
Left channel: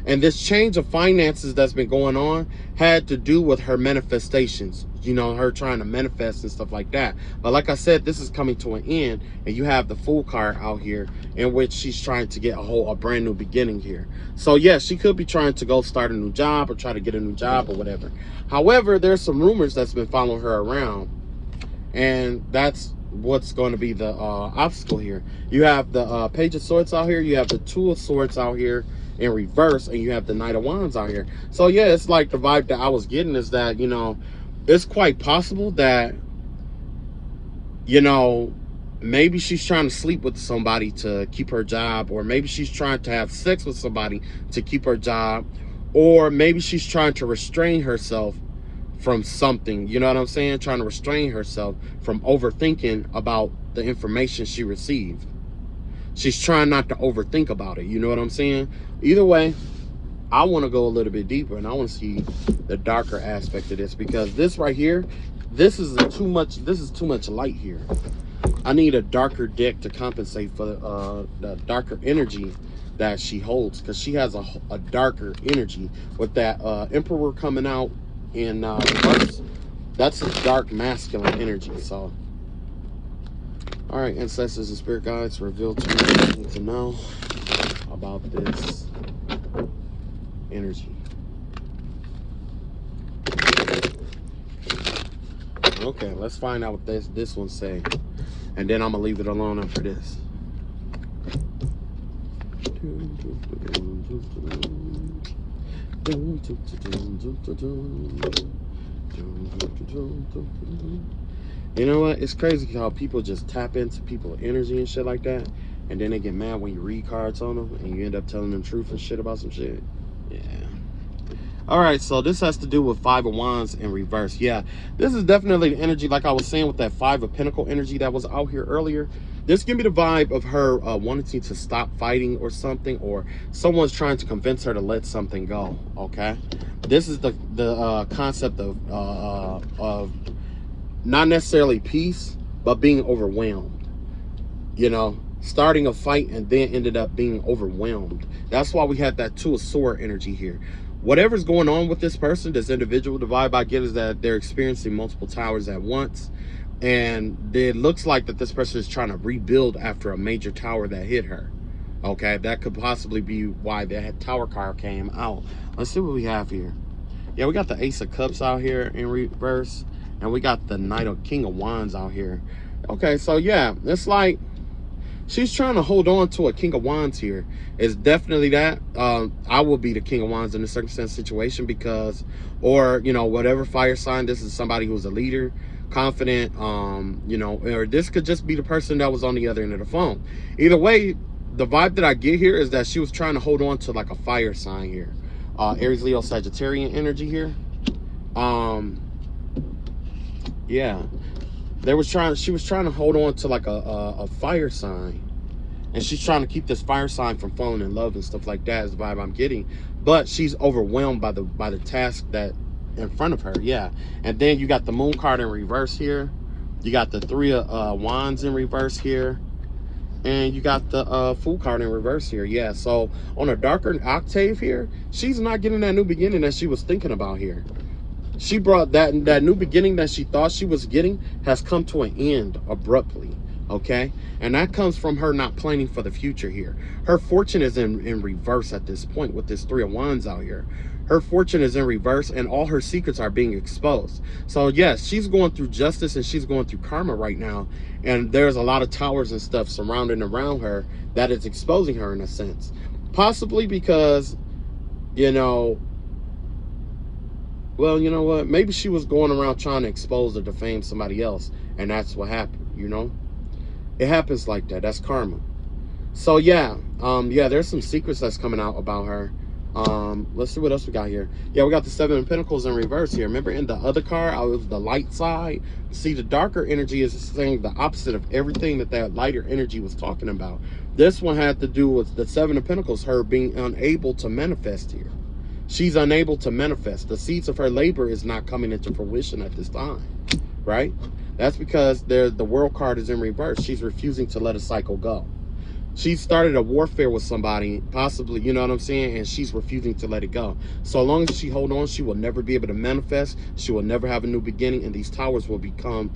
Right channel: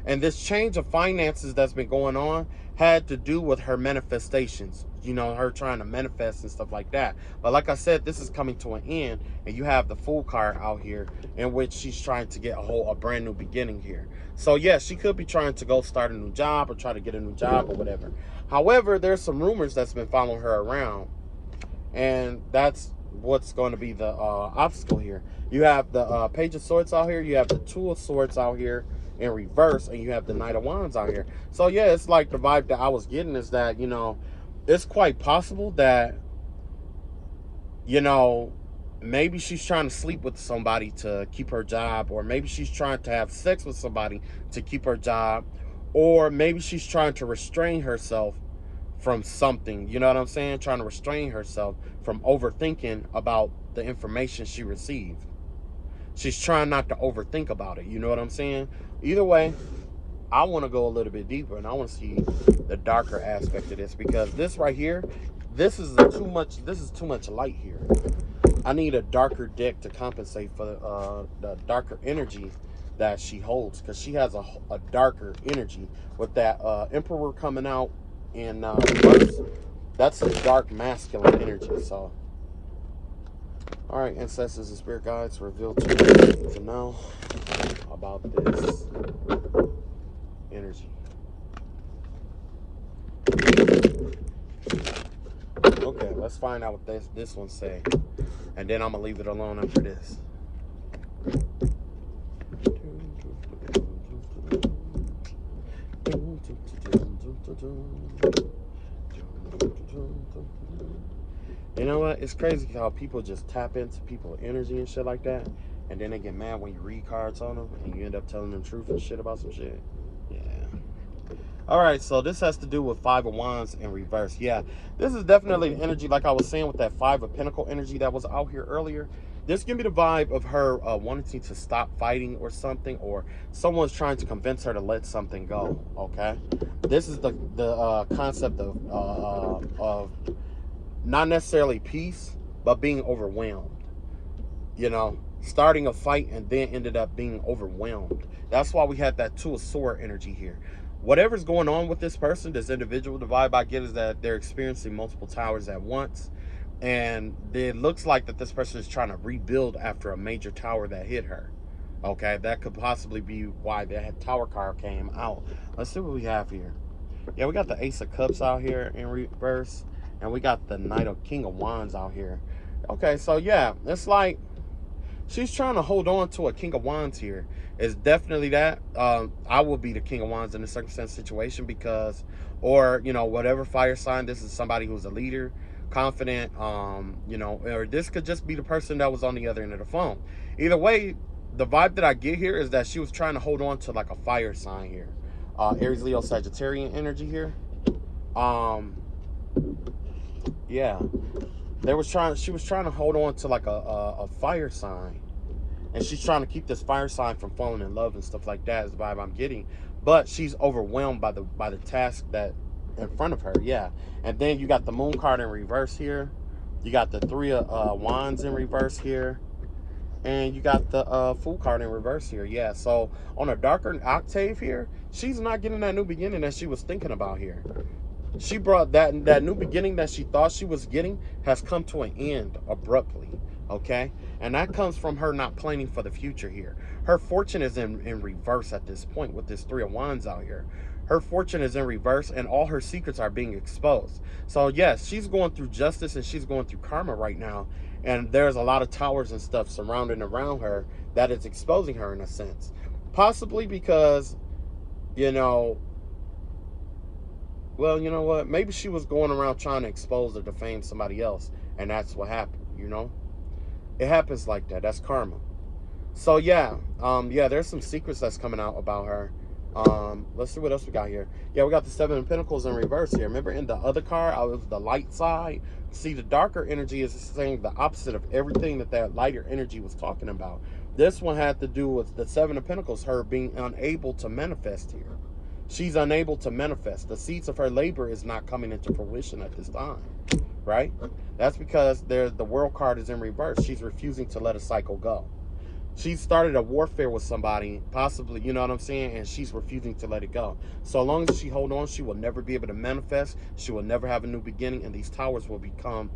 And this change of finances that's been going on had to do with her manifestations, you know, her trying to manifest and stuff like that. But like I said, this is coming to an end, and you have the Fool card out here, in which she's trying to get a brand new beginning here. So yeah, she could be trying to go start a new job or try to get a new job or whatever. However, there's some rumors that's been following her around, and that's what's going to be the obstacle here. You have the Page of Swords out here, you have the Two of Swords out here in reverse, and you have the Knight of Wands out here. So yeah, it's like the vibe that I was getting is that, you know, it's quite possible that, you know, maybe she's trying to sleep with somebody to keep her job, or maybe she's trying to have sex with somebody to keep her job, or maybe she's trying to restrain herself from something, you know what I'm saying? Trying to restrain herself from overthinking about the information she received. She's trying not to overthink about it, you know what I'm saying? Either way, I want to go a little bit deeper, and I want to see the darker aspect of this, because this right here, this is too much light here. I need a darker deck to compensate for the darker energy that she holds, because she has a darker energy with that Emperor coming out, and that's a dark masculine energy. So all right, ancestors and spirit guides, reveal to me what you need to know about this energy. Okay, let's find out what this one say, and then I'm gonna leave it alone after this. You know what? It's crazy how people just tap into people's energy and shit like that, and then they get mad when you read cards on them and you end up telling them truth and shit about some shit. Yeah. All right, so this has to do with 5 of Wands in reverse. Yeah, this is definitely the energy, like I was saying, with that 5 of Pentacle energy that was out here earlier. This give me the vibe of her wanting to stop fighting or something, or someone's trying to convince her to let something go. Okay, this is the concept of not necessarily peace, but being overwhelmed. You know, starting a fight and then ended up being overwhelmed. That's why we had that Two of Swords energy here. Whatever's going on with this person, this individual, the vibe I get is that they're experiencing multiple towers at once, and it looks like that this person is trying to rebuild after a major tower that hit her. Okay, that could possibly be why that Tower card came out. Let's see what we have here. Yeah, we got the Ace of Cups out here in reverse, and we got the King of Wands out here. Okay, so yeah, it's like she's trying to hold on to a King of Wands here. It's definitely that. I will be the King of Wands in a circumstance situation because, or, you know, whatever fire sign, this is somebody who's a leader, confident, you know, or this could just be the person that was on the other end of the phone. Either way, the vibe that I get here is that she was trying to hold on to like a fire sign here. Aries, Leo, Sagittarian energy here. Yeah, she was trying to hold on to like a fire sign, and she's trying to keep this fire sign from falling in love and stuff like that is the vibe I'm getting. But she's overwhelmed by the task that in front of her. Yeah, and then you got the Moon card in reverse here. You got the Three of Wands in reverse here, and you got the Fool card in reverse here. Yeah, so on a darker octave here, she's not getting that new beginning that she was thinking about here. She brought that new beginning that she thought she was getting has come to an end abruptly. Okay, and that comes from her not planning for the future here. Her fortune is in reverse at this point with this Three of Wands out here. Her fortune is in reverse, and all her secrets are being exposed. So yes, she's going through justice and she's going through karma right now, and there's a lot of towers and stuff surrounding around her that is exposing her in a sense, possibly because, you know, well, you know what? Maybe she was going around trying to expose or defame somebody else, and that's what happened, you know? It happens like that. That's karma. So, yeah. Yeah, there's some secrets that's coming out about her. Let's see what else we got here. Yeah, we got the Seven of Pinnacles in reverse here. Remember in the other card, I was the light side. See, the darker energy is saying the opposite of everything that lighter energy was talking about. This one had to do with the Seven of Pentacles, her being unable to manifest here. She's unable to manifest. The seeds of her labor is not coming into fruition at this time, right? That's because the World card is in reverse. She's refusing to let a cycle go. She started a warfare with somebody, possibly, you know what I'm saying? And she's refusing to let it go. So long as she hold on, she will never be able to manifest. She will never have a new beginning, and these towers will become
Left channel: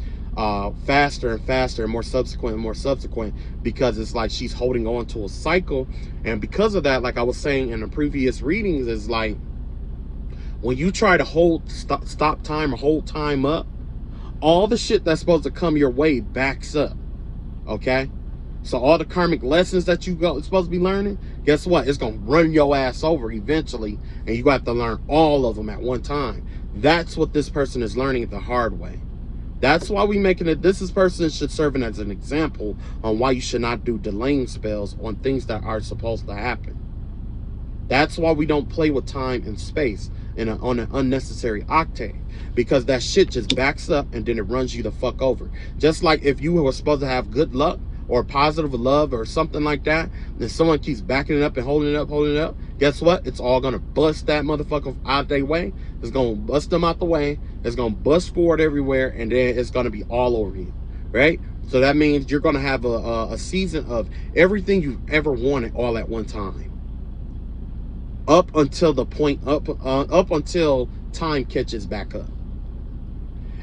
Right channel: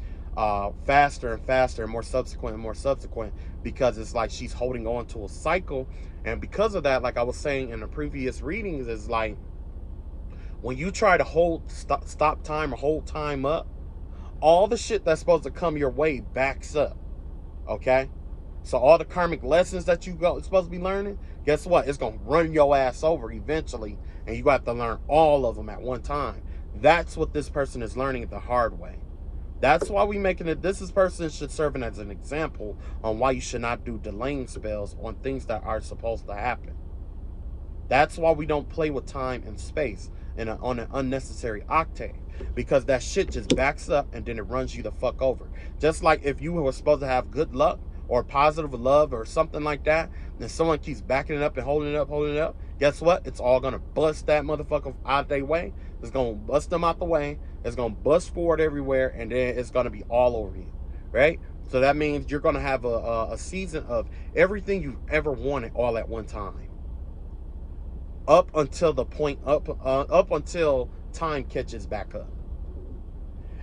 faster and faster and more subsequent because it's like she's holding on to a cycle. And because of that, like I was saying in the previous readings, is like when you try to stop time or hold time up, all the shit that's supposed to come your way backs up. Okay, so all the karmic lessons that you supposed to be learning, guess what? It's gonna run your ass over eventually, and you have to learn all of them at one time. That's what this person is learning the hard way. That's why we making it. This person should serve as an example on why you should not do delaying spells on things that are supposed to happen. That's why we don't play with time and space on an unnecessary octave, because that shit just backs up and then it runs you the fuck over. Just like if you were supposed to have good luck or positive love or something like that, and someone keeps backing it up and holding it up, guess what? It's all gonna bust that motherfucker out of their way. It's gonna bust them out the way. It's gonna bust forward everywhere, and then it's gonna be all over you, right? So that means you're gonna have a season of everything you've ever wanted all at one time, up until the point up until time catches back up.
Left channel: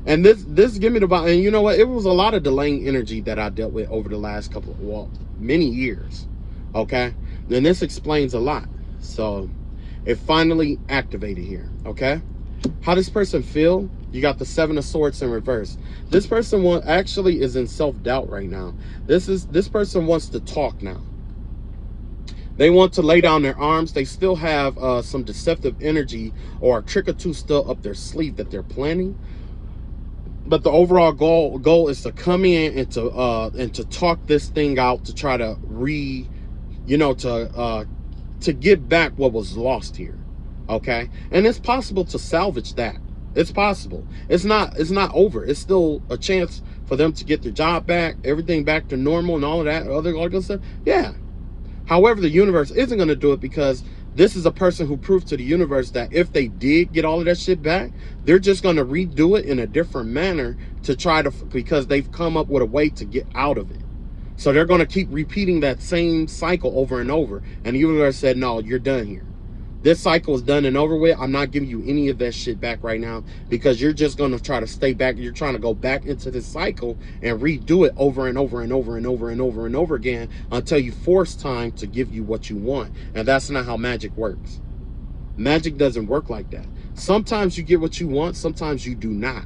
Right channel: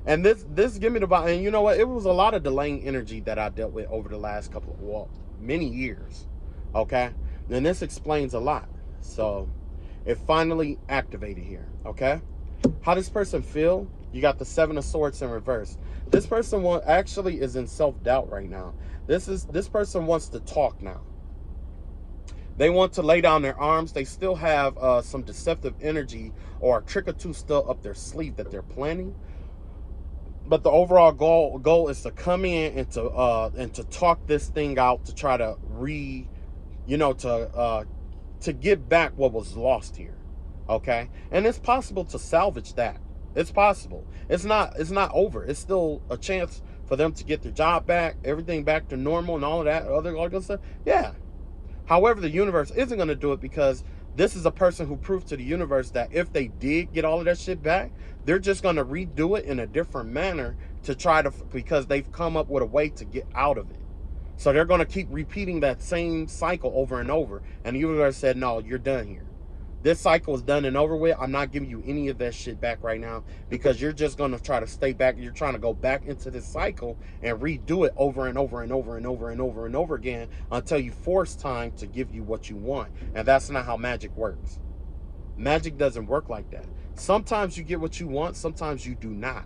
And this give me the vibe. And you know what? It was a lot of delaying energy that I dealt with over the last many years. Okay, then this explains a lot. So it finally activated here. Okay, how does this person feel? You got the Seven of Swords in reverse. This person actually is in self-doubt right now. This person wants to talk now. They want to lay down their arms. They still have some deceptive energy or a trick or two still up their sleeve that they're planning. But the overall goal is to come in and to talk this thing out, to try to to get back what was lost here. Okay, and it's possible to salvage that. It's possible. It's not over. It's still a chance for them to get their job back, everything back to normal, and all that other good stuff. Yeah. However, the universe isn't going to do it, because this is a person who proved to the universe that if they did get all of that shit back, they're just going to redo it in a different manner to try to, because they've come up with a way to get out of it. So they're going to keep repeating that same cycle over and over. And the universe said, no, you're done here. This cycle is done and over with. I'm not giving you any of that shit back right now, because you're just going to try to stay back. You're trying to go back into this cycle and redo it over and over and over and over and over and over again until you force time to give you what you want. And that's not how magic works. Magic doesn't work like that. Sometimes you get what you want, sometimes you do not.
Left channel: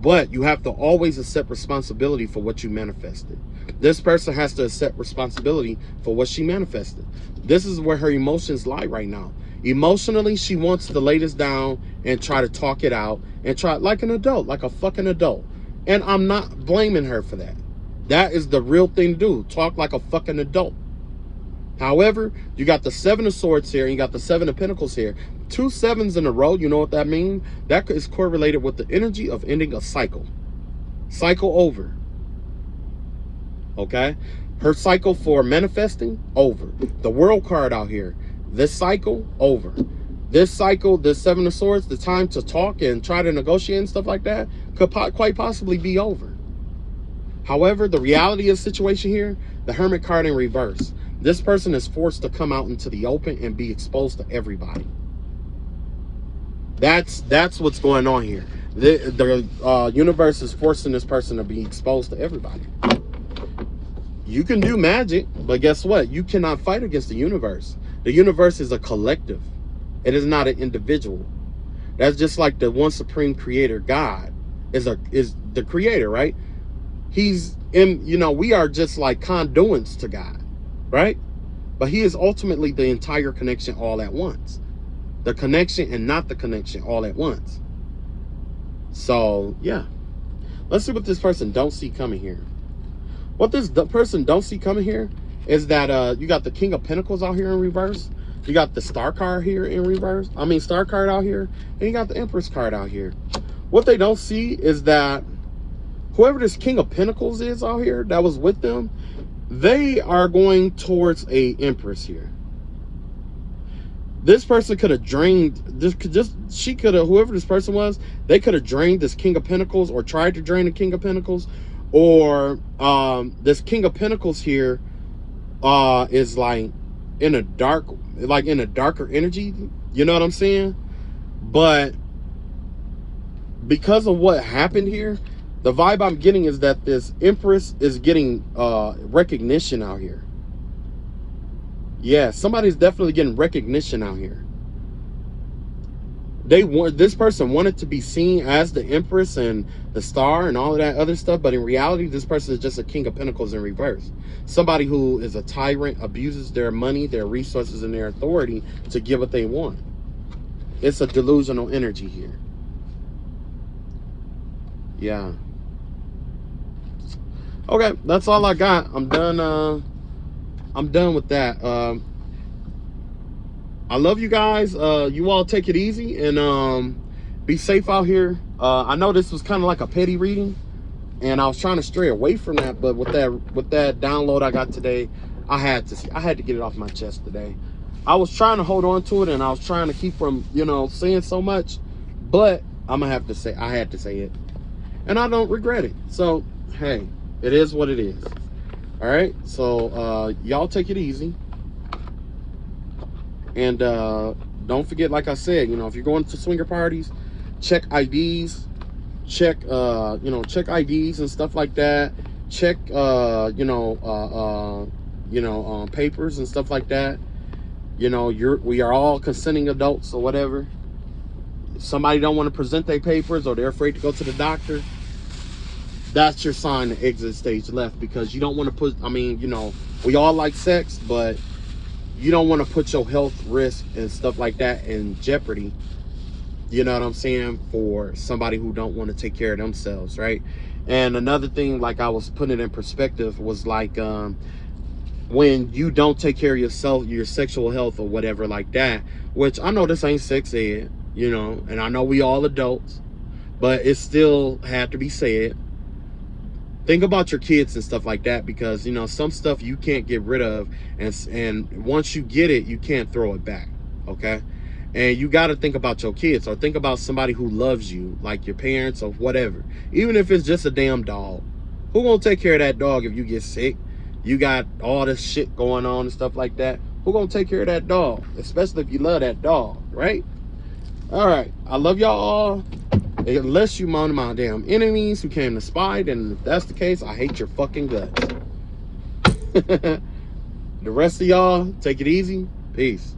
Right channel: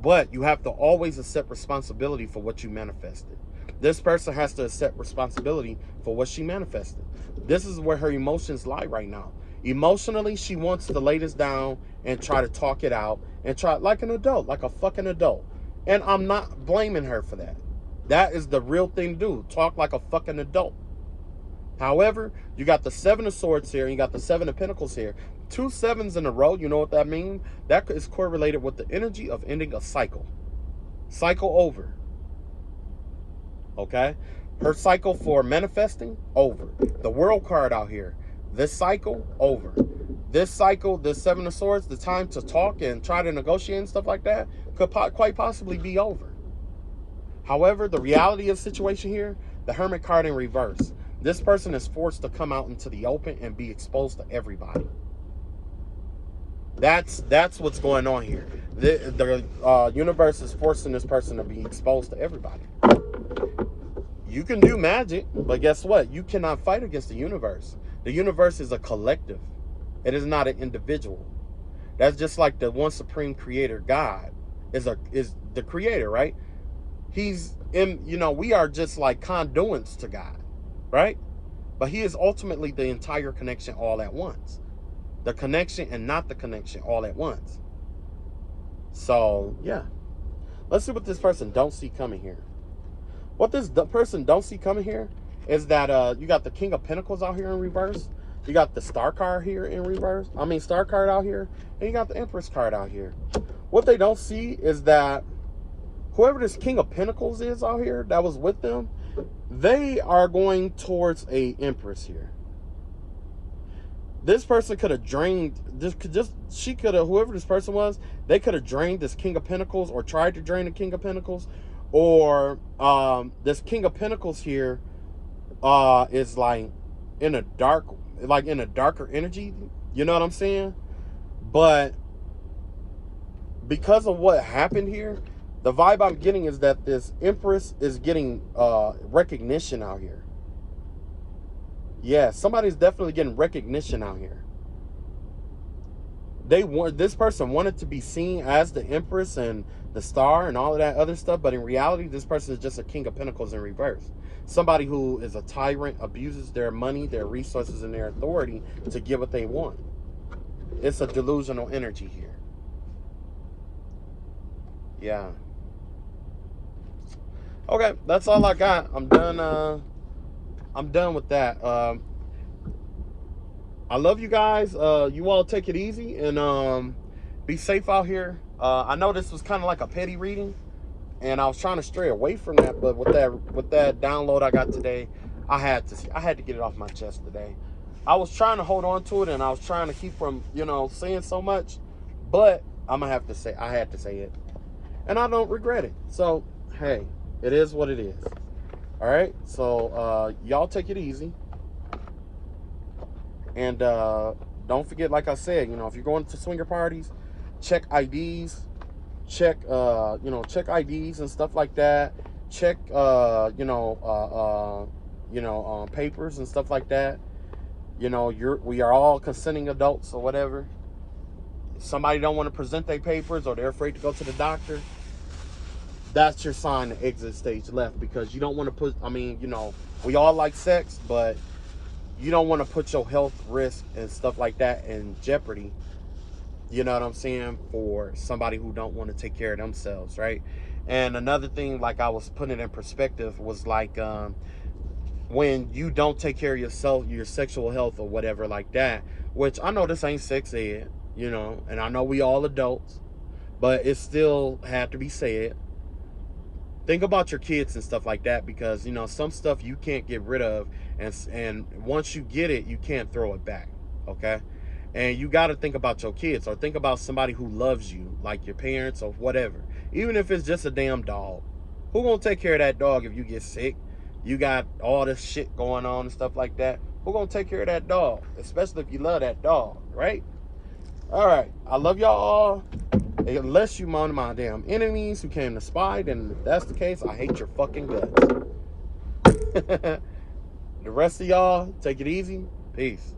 But you have to always accept responsibility for what you manifested. This person has to accept responsibility for what she manifested. This is where her emotions lie right now. Emotionally, she wants to lay this down and try to talk it out and try like an adult, like a fucking adult. And I'm not blaming her for that. That is the real thing to do. Talk like a fucking adult. However, you got the 7 of Swords here and you got the 7 of Pentacles here. 2 7s in a row, you know what that means? That is correlated with the energy of ending a cycle. Cycle over. Okay? Her cycle for manifesting, over. The World card out here. This cycle, over. This cycle, this 7 of Swords, the time to talk and try to negotiate and stuff like that could quite possibly be over. However, the reality of the situation here, the Hermit card in reverse. This person is forced to come out into the open and be exposed to everybody. That's what's going on here. The universe is forcing this person to be exposed to everybody. You can do magic, but guess what? You cannot fight against the universe. The universe is a collective. It is not an individual. That's just like the one supreme creator, God, is the creator, right? He's in, you know, we are just like conduits to God. Right? But he is ultimately the entire connection all at once. The connection and not the connection all at once. So, yeah. Let's see what this person don't see coming here. What this person don't see coming here is that you got the King of Pentacles out here in reverse. You got the Star card here in reverse. I mean, Star card out here. And you got the Empress card out here. What they don't see is that whoever this King of Pentacles is out here that was with them, they are going towards a Empress here. This person could have drained this, she could have, whoever this person was, they could have drained this King of Pentacles or tried to drain the King of Pentacles, or this King of Pentacles here is like in a darker energy, you know what I'm saying? But because of what happened here, the vibe I'm getting is that this Empress is getting recognition out here. Yeah, somebody's definitely getting recognition out here. This person wanted to be seen as the Empress and the Star and all of that other stuff, but in reality, this person is just a King of Pentacles in reverse. Somebody who is a tyrant, abuses their money, their resources, and their authority to get what they want. It's a delusional energy here. Yeah. Okay, that's all I got. I'm done. I'm done with that. I love you guys. You all take it easy and be safe out here. I know this was kind of like a petty reading, and I was trying to stray away from that, but with that download I got today, I had to get it off my chest today. I was trying to hold on to it, and I was trying to keep from, you know, saying so much, but I'm gonna have to say I had to say it, and I don't regret it. So hey, it is what it is. All right, so y'all take it easy, and don't forget, like I said, you know, if you're going to swinger parties, check IDs, check check IDs and stuff like that. Check papers and stuff like that. You know, we are all consenting adults or whatever. If somebody don't want to present their papers or they're afraid to go to the doctor, that's your sign to exit stage left, because you don't want to put, I mean, you know, we all like sex, but you don't want to put your health risk and stuff like that in jeopardy, you know what I'm saying, for somebody who don't want to take care of themselves, right? And another thing, like I was putting it in perspective, was like when you don't take care of yourself, your sexual health or whatever like that, which I know this ain't sex ed, you know, and I know we all adults, but it still had to be said. Think about your kids and stuff like that, because, you know, some stuff you can't get rid of, and once you get it, you can't throw it back, okay? And you got to think about your kids, or think about somebody who loves you, like your parents or whatever. Even if it's just a damn dog. Who gonna take care of that dog if you get sick? You got all this shit going on and stuff like that. Who gonna take care of that dog? Especially if you love that dog, right? All right, I love y'all all. Unless you one of my damn enemies who came to spy, then if that's the case, I hate your fucking guts. The rest of y'all, take it easy. Peace.